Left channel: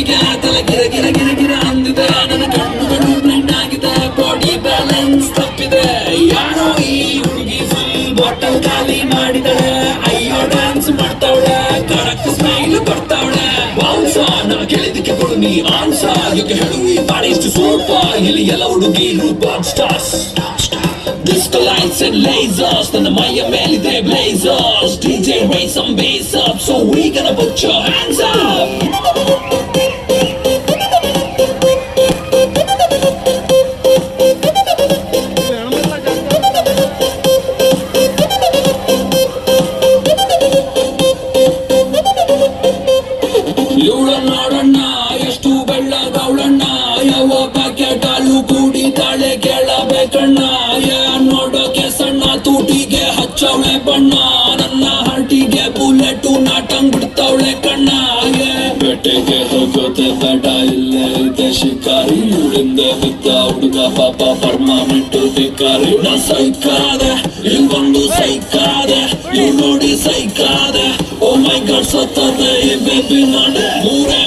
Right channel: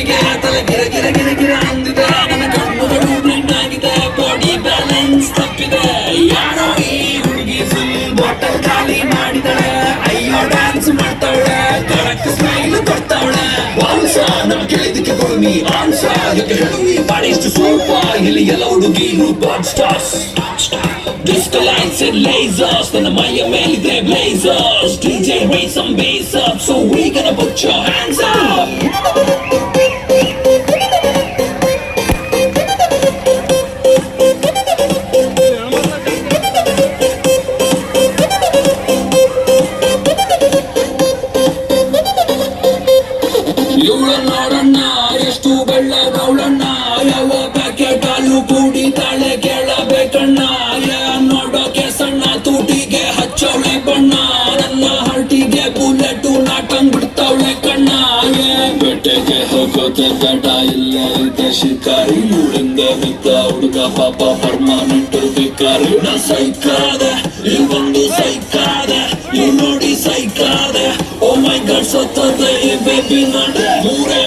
ಬೆಕ್ಕಿಗೆ ತಲೆ ಗಿರ ಗಿರ ಗಿರ ಗಿರ ಅಂದಿದೆ ನನ್ನ ಕಣ್ಣುಗಳು ಬ್ಲೈಂಡ್ ಆಗಿದೆ ಬಾಡಿ ಬ್ಯಾಲೆನ್ಸ್ ತಪ್ಪಿದೆ ಯಾರೋ ಈ ಹುಡುಗಿ ಫುಲ್ ಬಾಟಲ್ ಖಾಲಿ ಮಾಡಿದಳೆ ಅಯ್ಯೋ ಡ್ಯಾನ್ಸ್ ಮಾಡ್ತಾವಳೆ ಕರೆಕ್ಟ್ ಸ್ಮೈಲ್ ಕೊಡ್ತಾವಳೆ ವಂಶ ನಾ ಕೇಳಿದಕ್ಕೆ ಕೊಡುನಿ ಆನ್ಸ ಯಾಕೆ ಹೇಳು ಈ ಬಾಡಿ ಇಷ್ಟು ಸೂಪ ಇಲ್ಲಿ ಎಲ್ಲ ಹುಡುಗಿರು bad stars Disco lights and lasers, ನನ್ನ ಮೈಯ ಮೇಲಿದೆ blazers DJ raise some bass up, so we gonna put your hands up ಇವಳ ನೋಡಣ್ಣ ಎಷ್ಟು ಬೆಳ್ಳಗವಳಣ್ಣ ಯಾವ ಪ್ಯಾಕೆಟ್ ಹಾಲು ಕುಡಿತಾಳೆ ಕೇಳಬೇಕಣ್ಣ ನೋಡೋಕೆ ಸಣ್ಣ ತೂಟಿಗೆ ಹಚ್ಚವಳೆ ಬಣ್ಣ ನನ್ನ ಹರ್ಟಿಗೆ ಬುಲೆಟು ನಾಟಂಗ್ ಬಿಡ್ತಾವಳೆ ಕಣ್ಣ ಬೆಟ್ಟೆಗೆ ಹೋಗೋತೆ ಬೇಟ ಇಲ್ಲೇ ಇದೆ ಶಿಕಾರಿ ಇವಳಿಂದ ಬಿದ್ದ ಹುಡುಗ ಪಾಪ ಪರ್ಮನೆಂಟ್ ಬೇಕಾರಿ ನಾ ಸೈಕಾದೆ ಇವೊಂದು ಸೈಕಾದೆ ಇವ್ ನೋಡಿ ಸೈಕಾದೆ ಓ ಮೈ ಗಾಡ್ ಸತ್ತದೆ ಬೇಬಿ ನೋಡೆ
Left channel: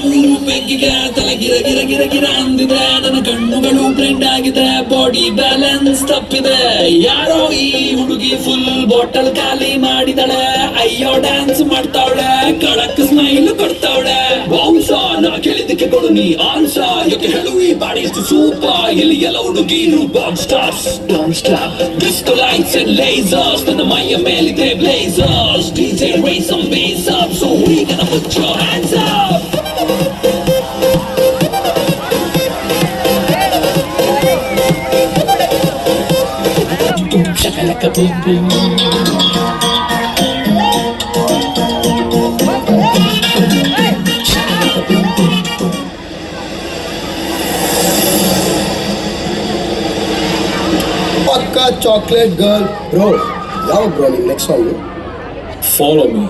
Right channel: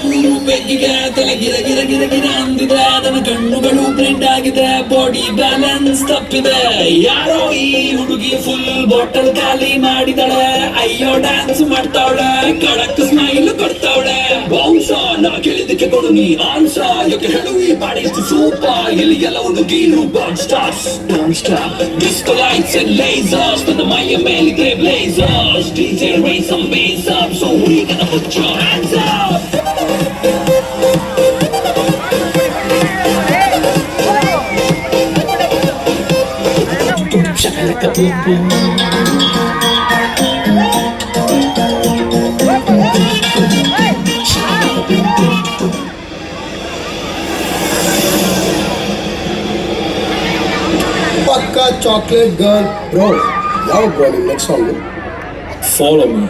ಮೂರು ಬೆಕ್ಕಿಗೆ ತಲೆ ಗಿರ ಗಿರ ಗಿರ ಗಿರ ಅಂದಿದೆ ನನ್ನ ಕಣ್ಣುಗಳು ಬ್ಲೈಂಡ್ ಆಗಿದೆ ಬಾಡಿ ಬ್ಯಾಲೆನ್ಸ್ ತಪ್ಪಿದೆ ಯಾರೋ ಈ ಹುಡುಗಿ ಫುಲ್ ಬಾಟಲ್ ಖಾಲಿ ಮಾಡಿದಳೆ ಅಯ್ಯೋ ಡ್ಯಾನ್ಸ್ ಮಾಡ್ತಾವಳೆ ಕಡಕ್ ಸ್ಮೈಲ್ ಕೊಡ್ತಾವಳೆ ವಂಶ ನಾ ಕೇಳಿದಕ್ಕೆ ಕೊಡು ನೀ ಆನ್ಸ ಯಾಕೆ ಹೇಳು ಈ ಬಾಡಿ ಇಷ್ಟು ಸೂಪ ಇಲ್ಲಿ ಎಲ್ಲ ಹುಡುಗಿರು bad stars don't stop disco lights and lasers ನನ್ನ ಮೈಯ ಮೇಲಿದೆ blazers DJ raise some bass up so we gonna put your hands up Shakalaka boom boom Pakka chocolate girl bro ಯಾವ bro ನಿಮ್ಮ next song follow me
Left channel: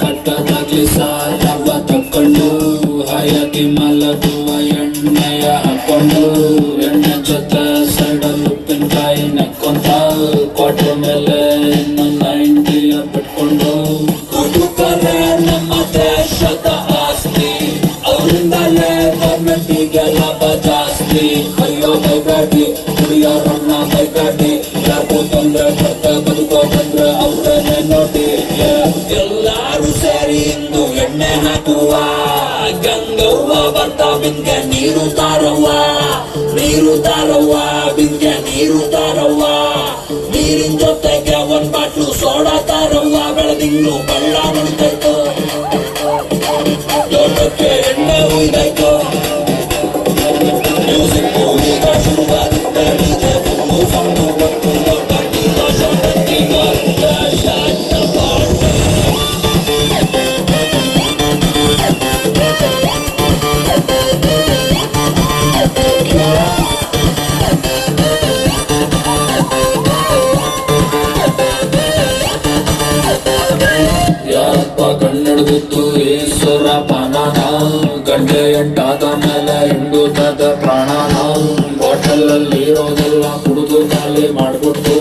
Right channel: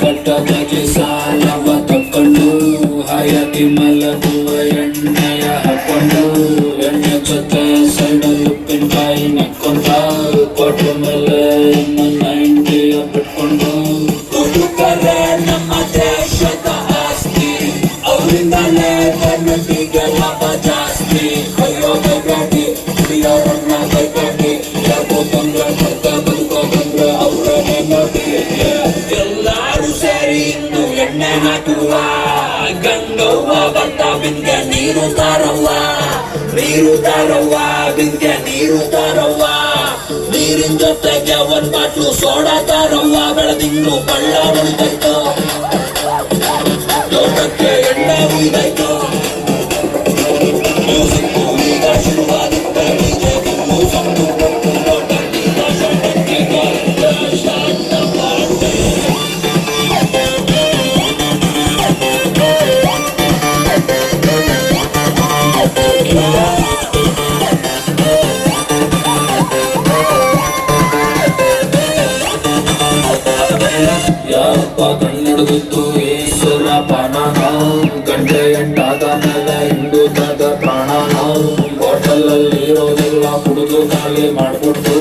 ಕಟ್ಟದಾಗ್ಲಿ ಸಾಲವ ತಕ್ಕೊಂಡು ಹಾಯಾಗಿ ಮಲಗುವ ಎಣ್ಣೆಯ ಹಾಕೊಂಡು ಎಣ್ಣೆ ಜೊತೆ ಸೈಡಲ್ ಉಪ್ಪಿನಕಾಯಿ ನಕ್ಕೊಂಡ ಕೊಟ್ಟ ಮೇಲೆ ನನ್ನ ಇಂಡಿಯ ಬಿಟ್ಕೊಂಡು ಹುಡುಗರೆ ನಮ್ಮ ದೇಶದ ಆಸ್ತಿ ಅವರಿಂದಲೇ ಗೌರ್ಮೆಂಟಿಗೆ ಲಾಭ ಜಾಸ್ತಿ ಅಯ್ಯೋ ಬೈಗಾಟಿ ಕುಡಿಯೋರನ್ನ ಬೈಗಾಟಿ ಯಾಕೋ ತೊಂದ್ರೆ ಕೊಡ್ತಾ ಬದುಕೋದಂದ್ರೆ ಅವ್ರನ್ನೇ ನೋಡಿ ಎಲ್ಲಾರು ಸೇರಿ ಇಂದು ಎಣ್ಣೆ ಹಾಕುವ ಗಂಗವ್ವ ಬರ್ತಾ ಬಿಂಗೆ ನೀರು ತಾರವ್ವ ಬಿಂಗೆ ನೀರು ತಾರವ್ವ ನೀರಿನ ಜೊತೆಗೆ ಒಂದ್ ಬಾಟ್ಲು ಸೋಡಾ ತಾರವ್ವ ಬೆಳದಿಂಗ್ಳು ಬಳ್ಳ ಹೊಳಿತೈತು ಲೋಕಕ್ಕೆ ಎಣ್ಣೆ ಉಯ್ದಾಯ್ತು ಮ್ಯೂಸಿಕ್ ಈಗ ಶುರುವಾಗುತ್ತೆ ಡಿಜೆ ಫುಲ್ಲು ಸಣ್ಣ ಬಟ್ಟು ದೊಡ್ಡ ಕಣ್ಣಡಿದಿತ್ತು ಈಶ್ವರ ಪಾನನ ಗಂಟೆ ಎಂಟಾದ ಮೇಲೆ ಹಿಂಡುತ್ತದ ಪ್ರಾಣನ ಬಾಟಲಲ್ಲಿ ಇರೋದೆಲ್ಲ ಕುಡಿದು ಖಾಲಿ ಮಾಡ್ಬಿಟ್ಟು